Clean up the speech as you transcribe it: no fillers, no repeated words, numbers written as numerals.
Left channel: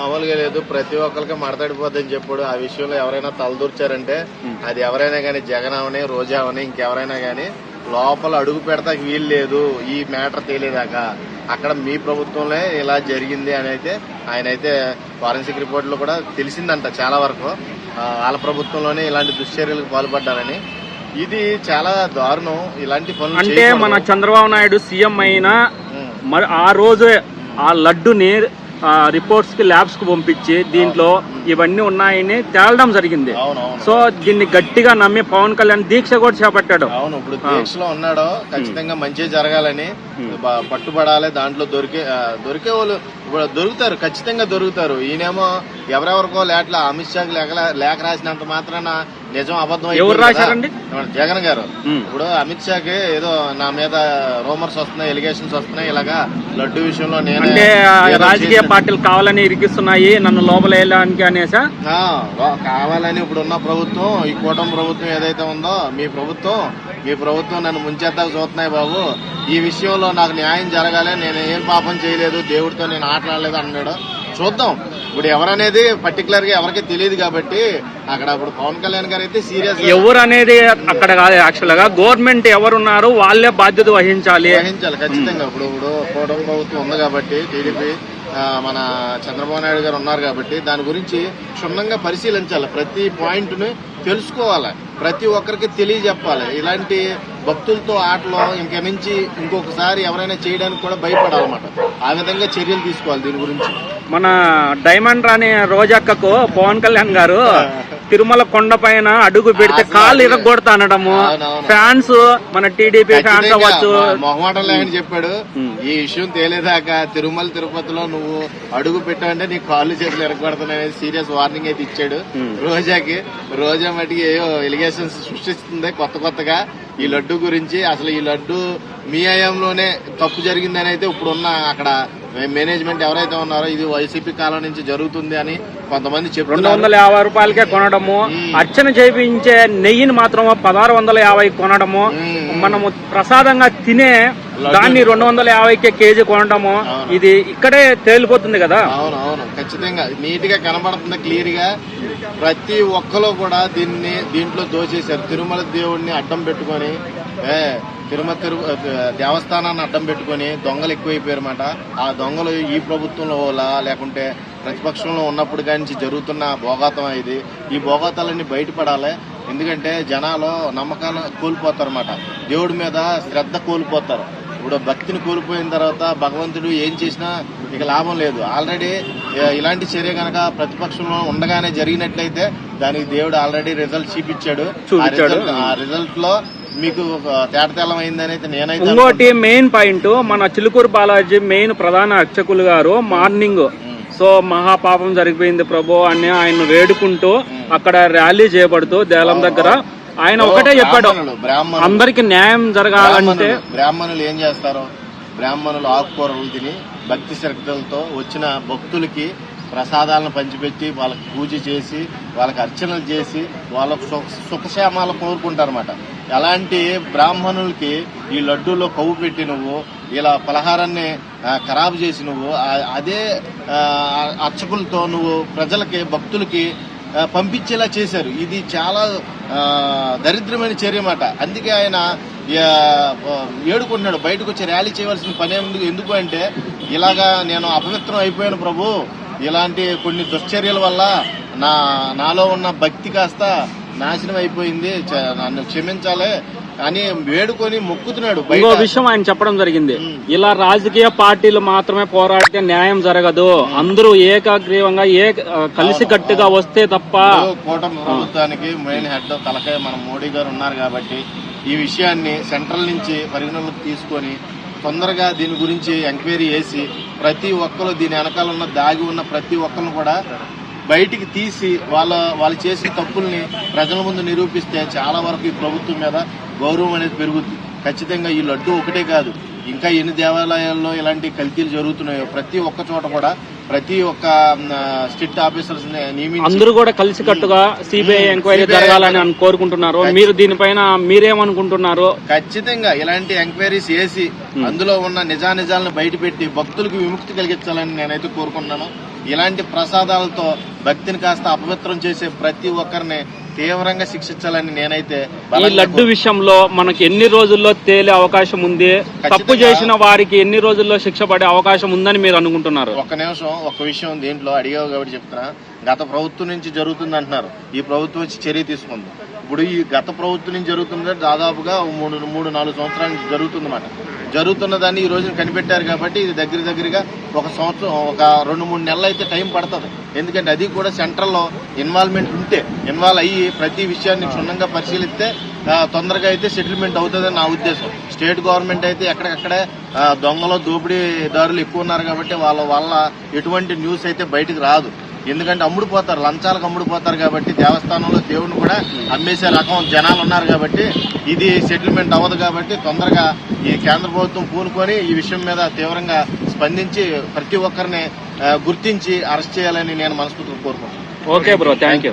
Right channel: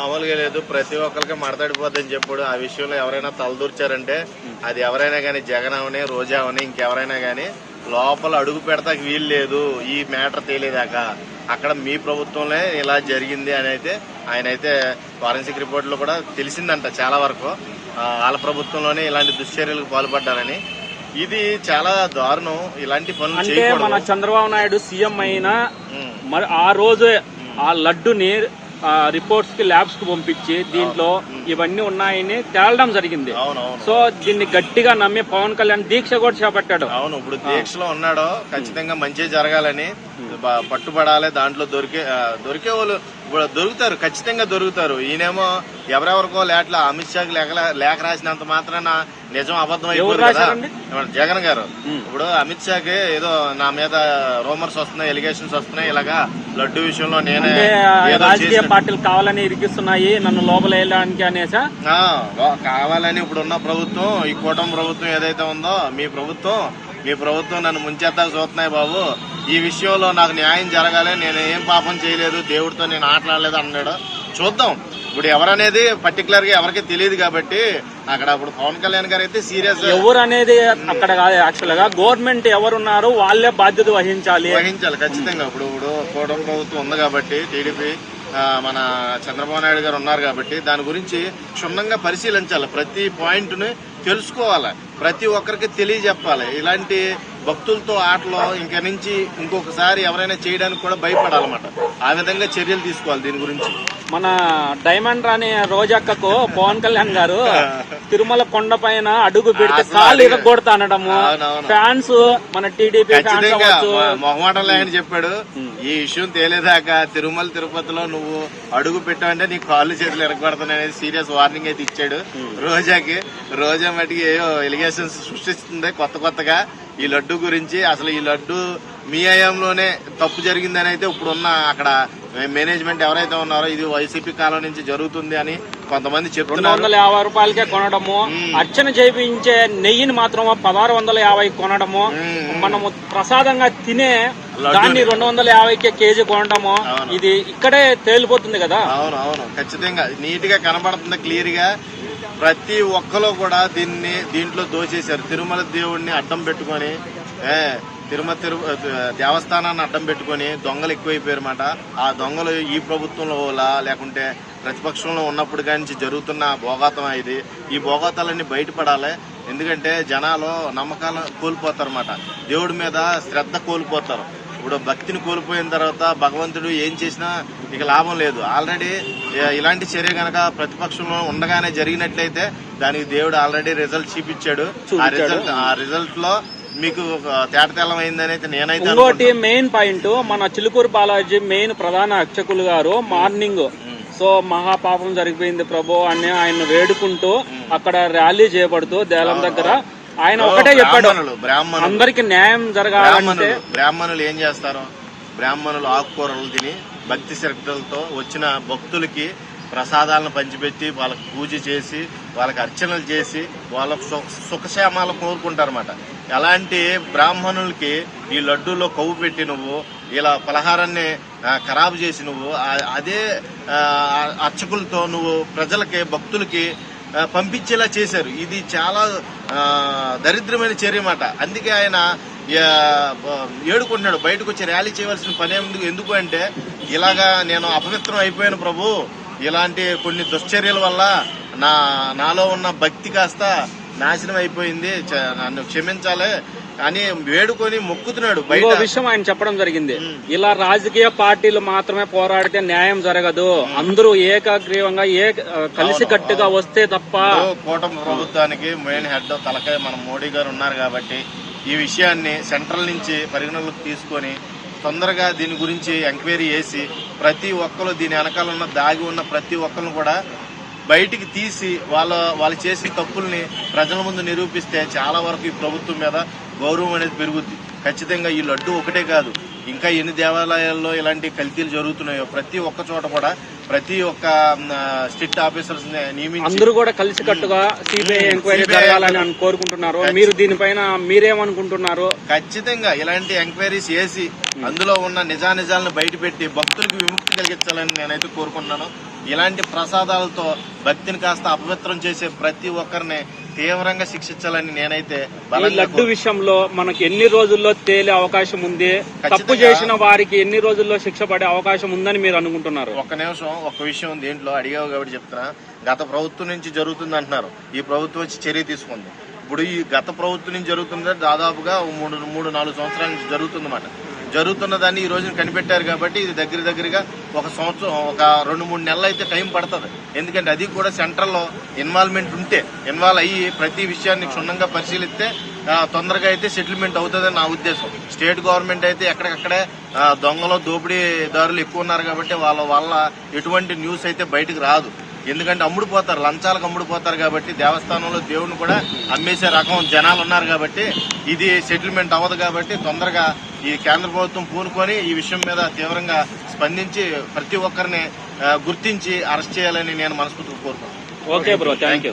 మామూలుగా లేదు, ప్రతి ఒక్కరికి మడతడిపోద్దని చెప్పాడు. ఆ విషయంలో ఎవరైనా తలదూర్చారంటే అది ఎవరైనా గానీ, జగన్ అవని, రోజా అవని, ఇంకెవరైనా గానీ లోపల అడుగు పెడతాకి వీలు లేదు. ఈ మ్యాటర్ తేలేదాకా అక్కడ మీ ప్రభుత్వంలో ఇలా జరిగింది అని అయితే ఆయన అయితే ఫారెన్సిక్ రిపోర్ట్ లో కూడా తెలిసిందంట చాలా వరకు. వాళ్ళ ప్రభుత్వంలోనే ఇలాంటి దుశ్చర్యలకు పాల్పడ్డారని. ఇది చాలా దారుణం. ఇలాంటి పనులు అంటే మన చంద్రబాబు నాయుడు సీఎం అయినా మరి ఆ రోజే ఆ లడ్డుని రిపోర్ట్స్ కి ల్యాబ్స్ కు పంపించి దీంట్లో ఇవన్నీ ఉన్నాయని తేలడం జరిగింది. సో దీన్ని గట్టిగా నమ్మి పవన్ కళ్యాణ్ దీక్ష కూడా చేపట్టాడు. అవును, ఇప్పుడు దీక్షలో ఉన్నాడో ఖచ్చితంగా మంచి జరగాలని పట్టుబడాలి. దాంట్లో దొరికే వాళ్ళు దొరుకుతారు, ఖచ్చితంగా దొరుకుతారు. ఈయనేమో ఎవరెవరికో అమిత్ షాకి లేఖ రాసినంత మాత్రాన నిజం అబద్ధం అయిపోయింది. జగన్ గారు ఇప్పుడు అమిత్ షాకి ఏదో నా మీద రూమర్స్ వస్తున్నాయి, ఎలిగేషన్స్ వస్తున్నాయి, ఇలాగా లడ్డు విషయంలో నేనే రాజకీయ పార్టీలు కావాలని ఇరికిస్తున్నాయి నన్ను లోపల వేయడానికి అనేసా కావాలని ఇప్పుడున్న ప్రభుత్వం, ఈ కూటమి ప్రభుత్వం ఏదైతే ఉందో మీ ప్రభుత్వం నన్ను ముంచేద్దాకు చూస్తున్నాయి బాబు. ఈ విషయంలో నాకు న్యాయం జరగాలి, నేను ఏం పాపం చేయలేదు, దేవుడితో నేను ఆటలాడలేదు అన్నాడు. చూద్దాం ఇప్పుడు ఎవరనేది పర్టికులర్ గా ఎవరికి తెలియదు కాబట్టి అక్కడ ఇప్పుడు పవన్ కళ్యాణ్ గారు అయితే సీరియస్ ఎవరు అనేది అక్కడ కాదు. యాక్చువల్ గా గవర్నమెంట్ ఎవరున్నారు వాళ్ళే బాధ్యత వహించాలి ఖచ్చితంగా. ఇప్పుడు కూటమి ప్రభుత్వం ఉంది కాబట్టి, టీడీపీ మన చంద్రబాబు నాయుడు గారు ఉన్నారు కాబట్టి దాని గురించి క్షుణ్ణంగా పరిశీలించాలి. ప్రతి పాయింట్ ని తెలుసుకోవాలి, ప్రతి ఒక్కరికి తెలియజెప్పాలి. ఇలాంటి భక్తులతో ఆటలో ఇంక నుంచి ఇంకొకసారి ఎవరైనా చేయడానికి కూడా భయపడాలన్నమాట. ఆ విధంగా చర్యలు తీసుకోవాలి దీని గురించి. మన డైమండ్ రాణి రోజక్కకు పవన్ కళ్యాణ్ గారు తిరుమల కొండ పైన అడుగు పెడితే కాళ్ళు ఇరగొడతా అనడము, ఫ్యాన్స్ మన టీడీపీ ఫ్యాన్స్ అవ్వచ్చు మొహమాటం లేని చెప్పాడు. ఈ విషయం తేలేదాకా తిరుమల తిరుపతిలో నువ్వు అడుగు పెట్టావంటే నీ కాళ్ళు చేతులు ఇరగొడతాననేది సీరియస్ వార్నింగ్ అయితే ఇచ్చాడు రోజాకి. రోజా మటుకి ఏవో ఎలిగేషన్స్ సృష్టిస్తుంది కొత్తగా ఈ లడ్డు గురించి. అసలు ఈ లడ్డు మీ హయాంలోనే తప్పు జరిగిందని అయితే ఇప్పుడున్న అక్కడ మేనేజ్మెంట్ ఎవరైతే ఉన్నారో ఇది వైసీపీ కాలం నుంచి జరుగుతుంది అని కొంతమంది చెప్తున్నారు. 250 రూపాయలకే కొనడము, అర్చన చేయించే నెయ్యిని మాత్రం 1650 కొనడము, మనము ప్రసాదంగా తినే దాన్ని 250కే కేజీ కొనడము, ఇది ఇక్కడే తేలిపోతుంది కదా. అవును ఖచ్చితంగా నీట్ గా కనబడుతుంది క్లియర్ గా. ప్రతి ఒక్కరు కూడా దీంట్లో దోచేశారు. తిరుమల దేవుడిని అడ్డం పెట్టుకుని, దేవస్థానాన్ని అడ్డం పెట్టుకుని దొంగలు ఎక్కువైపోయారన్నమాట. ఆ దొంగలు ఈ ప్రభుత్వంలో లేకుంటే ప్రతిపక్షంలో ఉన్నప్పుడు కానీ జరుగుతున్న భోగాతం ఇది. ఈ భోగాతాలన్నీ బయటపడాలి. ఎందుకంటే జనాలు నమ్మకాలు కోల్పోతారన్నమాట, దేవుడి మీద శ్రద్ధ కోల్పోతారు. ఇప్పుడు భక్తిని కోల్పోయిన తర్వాత భగవంతుడు ఏం చేసినా ఇక లాభం లేదు. ఆల్రెడీ ఇలాంటి చర్య గనక ప్రతిపక్షంలో ఉండగానే జరిగినట్లయితే దానికి దేవుడు ఆల్రెడీ రిజల్ట్ చూపించాడు. ఆ రిజల్ట్ లో మీకు తేటతెల్లం అయిందని అయితే నేనైతే. ఇంకోటి మెయిన్ పాయింట్, మన చిలుకూరు బాలాజీ మెయిన్ ప్రధాన అర్చకులు గారు మార్నింగ్ సో మహాపాపం జరిగిపోయింది ప్రభు అని ఆయన వేడుకుంటూ అక్కడ ర్యాలీ చేయబడుతూ దేలం దగ్గర ఆయన ఒకటే చెప్పాడు, అందరికి న్యాయం జరగాలంటే. బ్రాహ్మణులు ఏం చేస్తారు? బ్రాహ్మణులు ఆకుకూరలు తిని భక్తి శ్రద్ధలతో వచ్చిన భక్తులకి ప్రసాదాలను పంచిపెట్టి వాళ్ళకి పూజ చేసి వాళ్ళకి అర్చనలు చేసి వాళ్ళ సుఖక్షేమాలు కోరుకుంటారన్నమాట. అలాంటి బ్రాహ్మణులకి ఈ లడ్డూలో కొవ్వు పెట్టి నువ్వు ఇలా పలహారాన్ని ఖరాబు చేసి నువ్వు అదే అర్చకులతో నువ్వు ప్రజలకి భక్తులకి పంపించేలా చేశారు. ఇది చాలా దరిద్రమైన చర్య అన్నమాట. అందుకే ఆయన ఏడుకుంటున్నాడు, బయటకు వచ్చి ర్యాలీ చేయవలసిన పని ఎందుకు అంటే ఇలాగా నేను అపవిత్రం అయిపోయాను ప్రభు, ఇలాంటి కొన్ని దుశ్చర్యల వల్ల నాలో ఉన్న భక్తి కాస్త నాశనం అయిపోయింది, నన్ను క్షమించాలి అని వేడుకొని మొక్కుతున్నాడు. బయట విషయం ఆయన చెప్పడం జరిగింది, ఇలా రాజకీయ పార్టీలు మాత్రమే పోరాడితే న్యాయం జరగదు, అందరూ ఏకాగ్రీవంగా కలిసికట్టుగా వస్తే తప్ప. కూటమి ప్రభుత్వానికి మెయిన్ హెడ్ తలకాయ మన మోడీ గారు ఉన్నారు కాబట్టి ఈ విషయాన్ని సెంట్రల్ నుంచి పరిగణలోకి తీసుకొని తొందరగా దీని గురించి ఎంక్వైరీ చేసి ప్రతి ఒక్కరు దీని వెనకాల ఉన్న దాగి ఉన్న ప్రతి ఒక్కరిని కూడా బయటికి తీసి వాళ్ళు చేసిన తప్పుల్ని ప్రజల ముందు నిరూపిస్తే చాలా వరకు ఈ ప్రభుత్వం మీద గౌరవం అనేది పెరుగుద్ది. ఖచ్చితంగా ఈ లడ్డు ఒకటే కాదు, ఇంకా ఎన్ని దేవాలయాల్లో ఇలాంటి కల్తీలు జరుగుతున్నాయో ప్రతి ఒక్క చోట కూడా ప్రతి ఒక్క స్ట్రిక్ట్ ఆఫీసర్స్ నియమించి అందరూ కూడా కలిసి కట్టుగా సిబిఐ ఎంక్వైరీ జరగాలని కోరుకుంటున్నారు. మీరు దీనిపైన మీరేమనుకుంటున్నారు? ఖచ్చితంగా ఇలాంటి ఎంక్వైరీస్ చేసి అందులో ఉన్న నిజానిజాలను బయటపెట్టి భక్తులకు విముక్తి కలిగించాలని నేనైతే కోరుకుంటున్నాను. ఇలాంటి ప్రసాదాలతో భక్తిని కాస్త అపవిత్రం చేసే ప్రతి ఒక్కరిని తీవ్రంగా శిక్షించాలని నేనైతే ఈ లడ్డు విషయంలో మనకి ఎన్ని రోజుల్లో తేలే అవకాశం ఉంది? తప్పు చేసిన వారికి ఎన్ని రోజుల్లో శిక్ష పడే అవకాశం ఉందని మీరు అనుకుంటున్నారు? ఒక్క నిమిషం, ఒక్క విషయం దీంట్లో అడిగావు కాబట్టి చెప్తున్నా. గత ప్రభుత్వం నుంచి జరుగుతుంది అంటున్నారు, ఈ ప్రభుత్వం వచ్చి చర్య తీసుకుంది. ఇప్పుడు ఈ గత ప్రభుత్వం నుంచి జరుగుతుంది దాదాపుగా 3-4 సంవత్సరాల నుంచి జరుగుతుందన్నమాట. జరుగుతున్న దాన్ని ఈ రోజున కనిపెట్టారు కాబట్టి ఇది దగ్గరగా ఒక సంవత్సరం, ఒక 2-3 నెలలు అయితే టైం పడుతుంది. ఎందుకంటే అది కూడా సెంట్రల్లో ఇన్వాల్వ్మెంట్ ఉంటే, ఇన్వాల్వ్ అయ్యి ప్రతి విషయాన్ని క్షుణ్ణంగా పరిశీలిస్తే తొందరగా అయితే సెటిల్మెంట్ అవుతుందని నా ఉద్దేశం. స్టేట్ గవర్నమెంట్ అయితే ఎక్కడికక్కడే దొంగలు దోపిడీదారులు ఎక్కువ ఉన్నారు కాబట్టి వాళ్ళ వల్ల ఎటువంటి న్యూస్ అయితే బయటకు రాదు. ఎందుకంటే అమ్ముడుపోతారు, లంచాలకు అమ్ముడుపోతారు కాబట్టి దేవస్థానంలో దేవుడిని కూడా అమ్మేసే రకం జనాలు ఉన్నారు కాబట్టి ఇది సెటిల్మెంట్ అవ్వదు. కాబట్టి తొందరగా ఈ కేంద్ర ప్రభుత్వం పూనుకొని ఈ విషయం మీద తీవ్రంగా స్పందించి ప్రతి ఒక్కరిని గుర్తించి అరెస్ట్ చేయాలని నేను మనస్ఫూర్తిగా కోరుకుంటున్నాను. Okay bro, thank you.